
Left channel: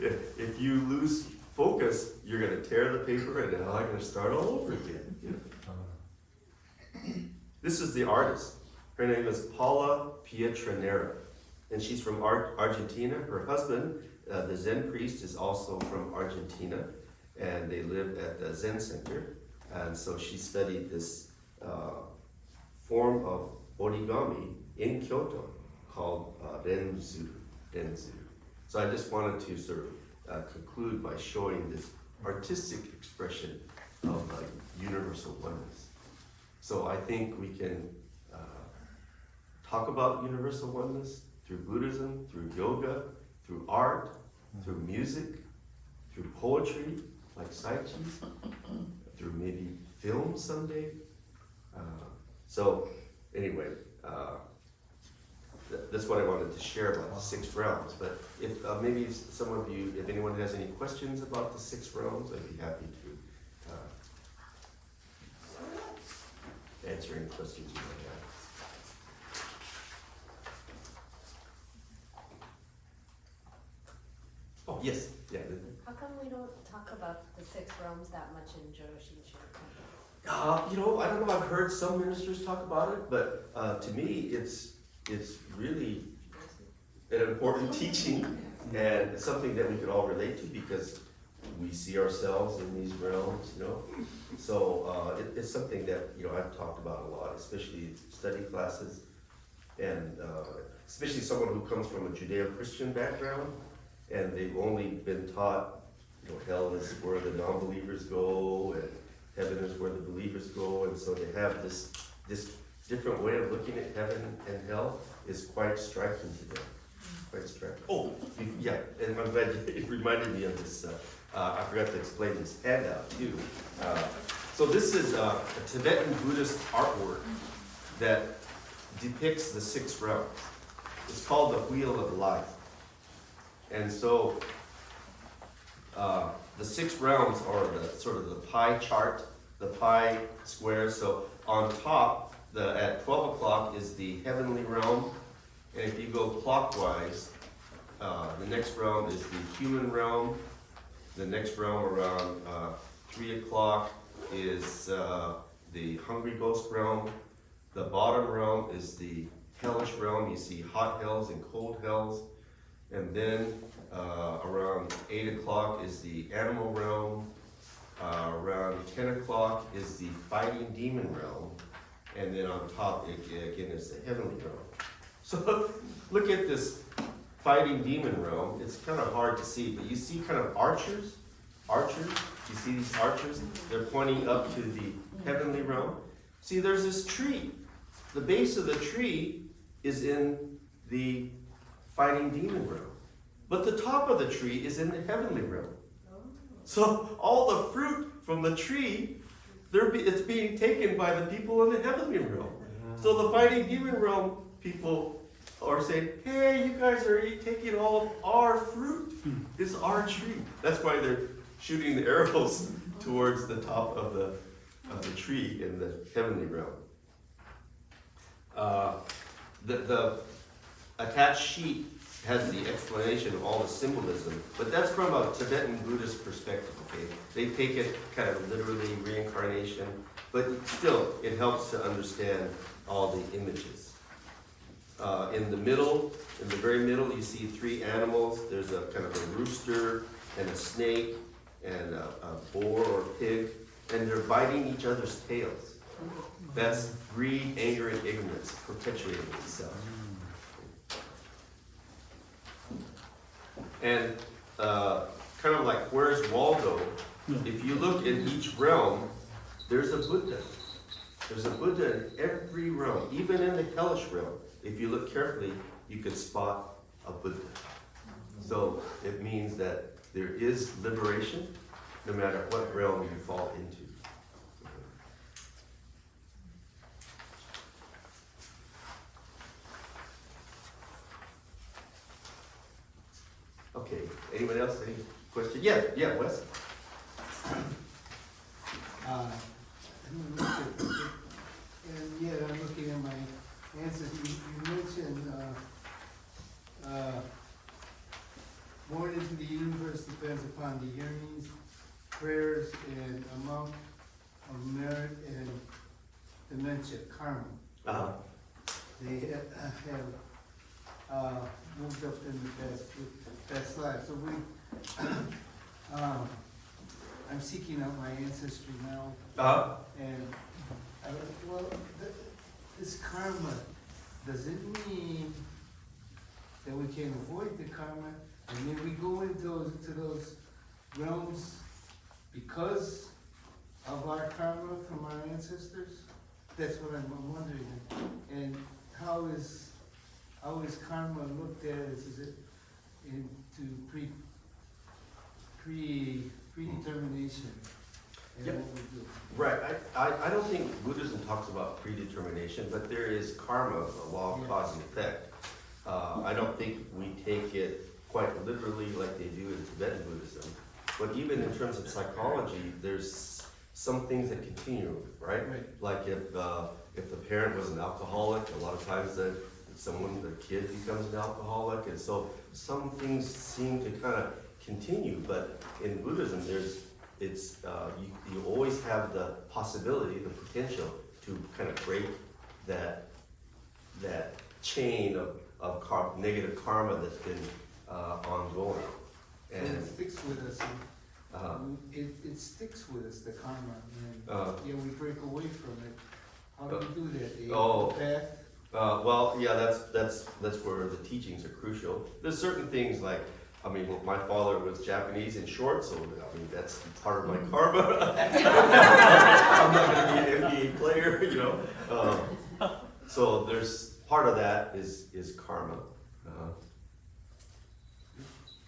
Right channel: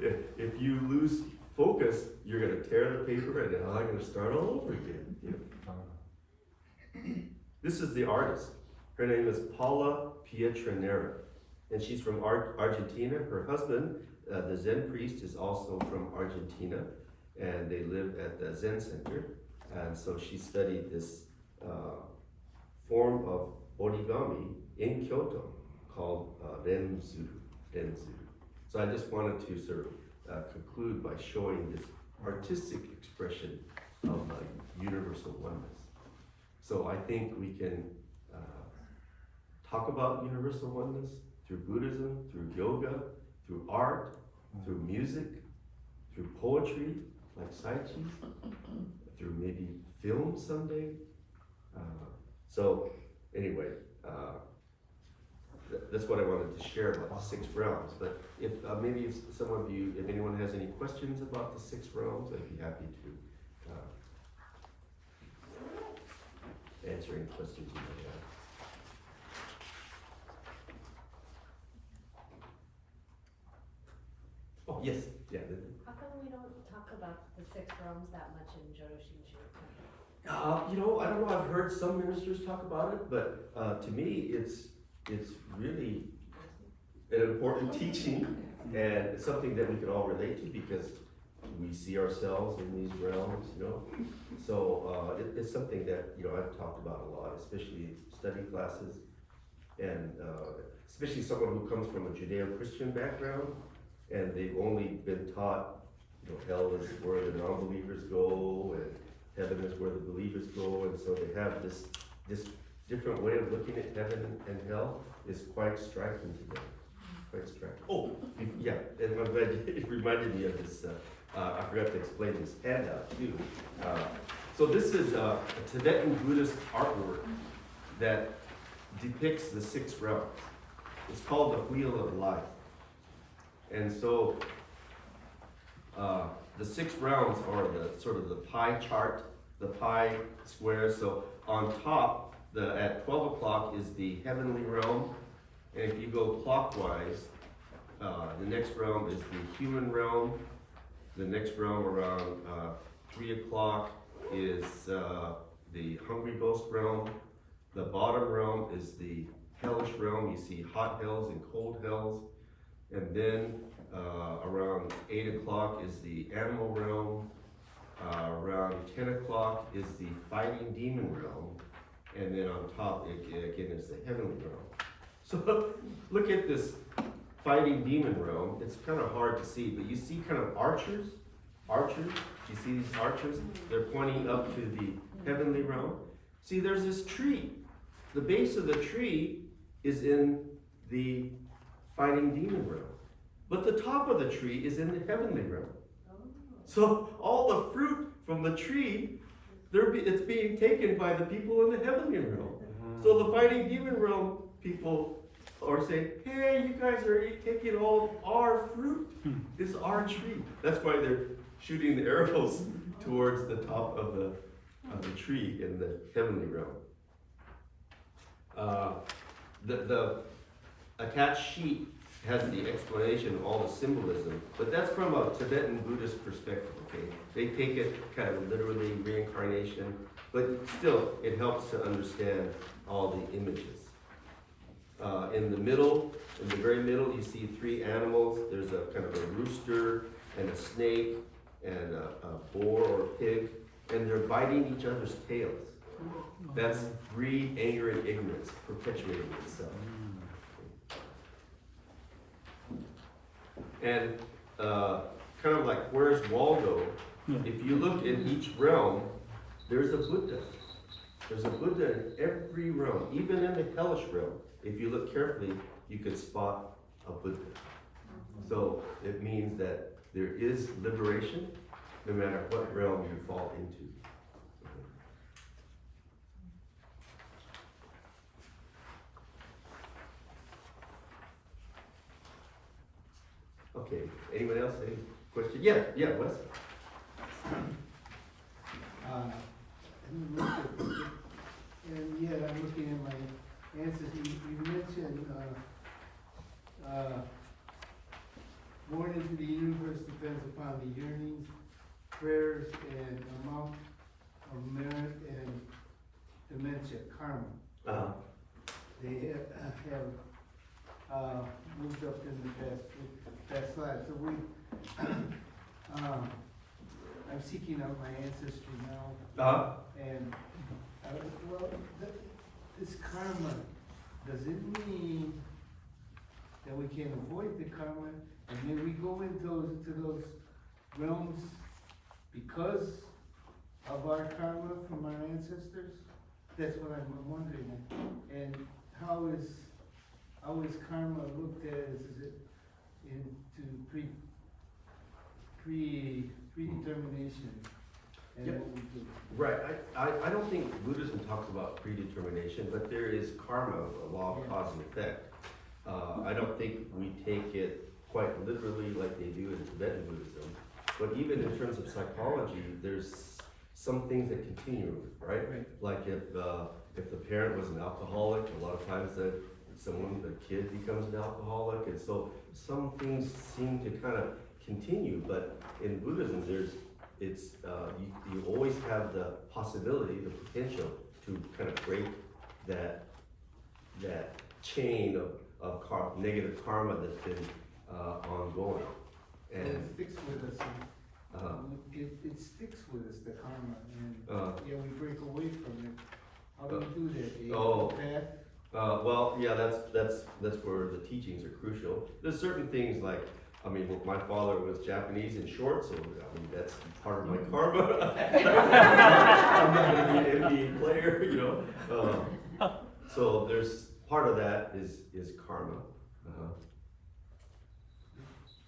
If you lose focus, you're going to tear the paper, and now I'm going to start all over again. Yeah. This is the artist. Her name is Paula Pietranera, and she's from Argentina. Her husband, the Zen priest, is also from Argentina, and they live at the Zen Center. And so she studied this form of origami in Kyoto called Renzu. So I just wanted to sort of conclude by showing this artistic expression of universal oneness. So I think we can talk about universal oneness through Buddhism, through yoga, through art, through music, through poetry, like Saichi's, through maybe film someday. So anyway, that's what I wanted to share about the 6 realms. But if maybe if some of you, if anyone has any questions about the 6 realms, I'd be happy to answer any questions you may have. Oh, yes. Yeah. How come we don't talk about the 6 realms that much in Joshin Shinto? I don't know. I've heard some ministers talk about it, but to me, it's really an important teaching, and it's something that we could all relate to because we see ourselves in these realms, So it's something that I've talked about a lot, especially in study classes, and especially someone who comes from a Judeo-Christian background, and they've only been taught, hell is where the non-believers go, and heaven is where the believers go, and so they have this different way of looking at heaven and hell is quite striking to them. Quite striking. Oh, yeah, and I'm glad it reminded me of this. I forgot to explain this handout too. So this is a Tibetan Buddhist artwork that depicts the 6 realms. It's called the Wheel of Life. And so the 6 realms are the sort of the pie chart, the pie square. So on top, at 12 o'clock is the heavenly realm. And if you go clockwise, the next realm is the human realm. The next realm around 3 o'clock is the hungry ghost realm. The bottom realm is the hellish realm. You see hot hells and cold hells. And then around 8 o'clock is the animal realm. Around 10 o'clock is the fighting demon realm. And then on top again is the heavenly realm. So look at this fighting demon realm. It's kind of hard to see, but you see kind of archers. You see these archers? They're pointing up to the heavenly realm. See, there's this tree. The base of the tree is in the fighting demon realm. But the top of the tree is in the heavenly realm. So all the fruit from the tree, it's being taken by the people in the heavenly realm. So the fighting demon realm people are saying, hey, you guys are taking all of our fruit. It's our tree. That's why they're shooting the arrows towards the top of the tree in the heavenly realm. The attached sheet has the explanation of all the symbolism, but that's from a Tibetan Buddhist perspective, okay? They take it kind of literally, reincarnation, but still, it helps to understand all the images. In the middle, in the very middle, you see three animals. There's a kind of a rooster and a snake and a boar or pig, and they're biting each other's tails. That's greed, anger, and ignorance perpetuating itself. And kind of like, where's Waldo? If you look in each realm, there's a Buddha. There's a Buddha in every realm, even in the hellish realm. If you look carefully, you can spot a Buddha. So it means that there is liberation, no matter what realm you fall into. Okay, anyone else, any question? Yeah, Wes? I'm looking at my answers. You mentioned born into the universe depends upon the yearnings, prayers, and amount of merit and dementia, karma. Uh-huh. They have moved up in the past life. So I'm seeking out my ancestry now. Uh-huh. And, this karma, does it mean that we can avoid the karma? And then we go into those realms because of our karma from our ancestors? That's what I'm wondering. And how is karma looked at? Is it into predetermination? And Yep. what we do? Right, I don't think Buddhism talks about predetermination, but there is karma, the law of cause and effect. I don't think we take it quite literally like they do in Tibetan Buddhism, but even in terms of psychology, there's some things that continue, right? Right. Like if the parent was an alcoholic, a lot of times the kid becomes an alcoholic, and so some things seem to kind of continue, but in Buddhism, you always have the possibility, the potential to kind of break that chain of negative karma that's been ongoing. And And it sticks with us. It sticks with us, the karma, and we break away from it. How do we do that? The path? well, yeah, that's where the teachings are crucial. There's certain things like, my father was Japanese and short, so that's part of my karma. I'm not gonna be an NBA player, So there's part of that is karma.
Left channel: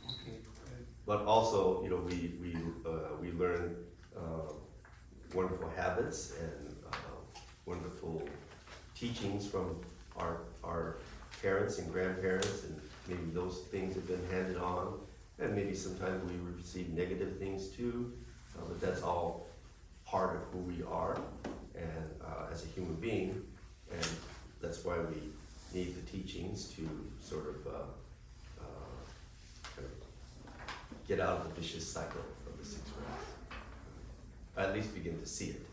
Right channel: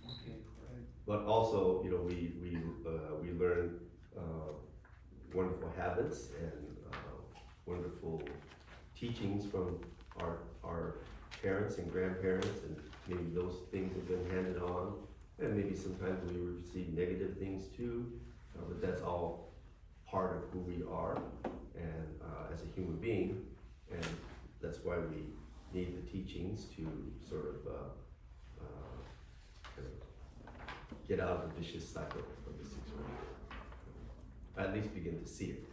Okay. But also, we learn wonderful habits and wonderful teachings from our parents and grandparents, and maybe those things have been handed on, and maybe sometimes we receive negative things too, but that's all part of who we are and as a human being, and that's why we need the teachings to sort of get out of the vicious cycle of the 6 realms. At least begin to see it.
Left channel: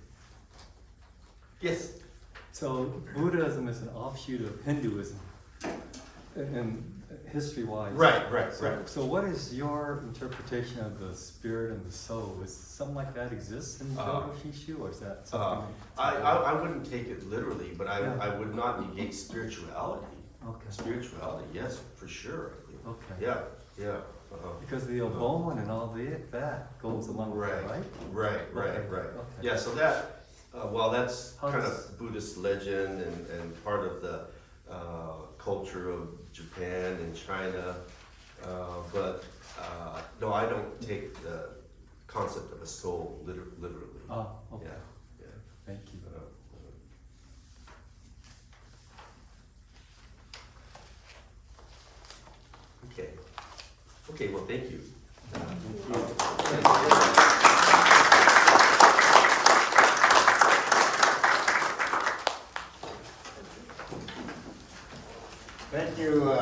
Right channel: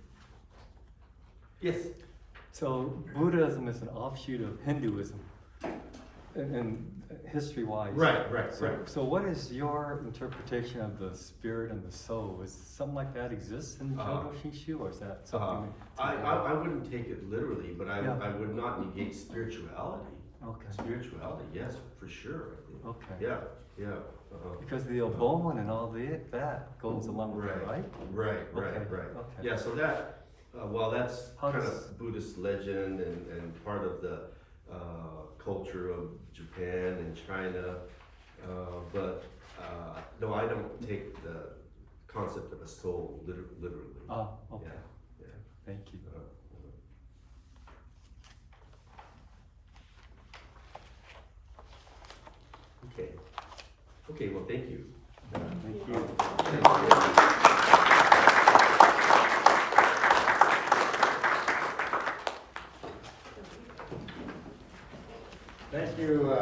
Yes? So Buddhism is an offshoot of Hinduism, and history-wise. Right. So what is your interpretation of the spirit and the soul? Is something like that exists in Jodo Shinshu, or is that something? I wouldn't take it literally, but Yeah. I would not negate spirituality. Okay. Spirituality, yes, for sure. Okay. Yeah. Because the bone and all that goes along with it, right? Right. Okay. Yeah, so that, that's How kind does- of Buddhist legend and part of the culture of Japan and China. But no, I don't take the concept of a soul literally. Oh, okay. Yeah. Thank you. Okay, well, thank you. Thank you. Thank you. Thank you,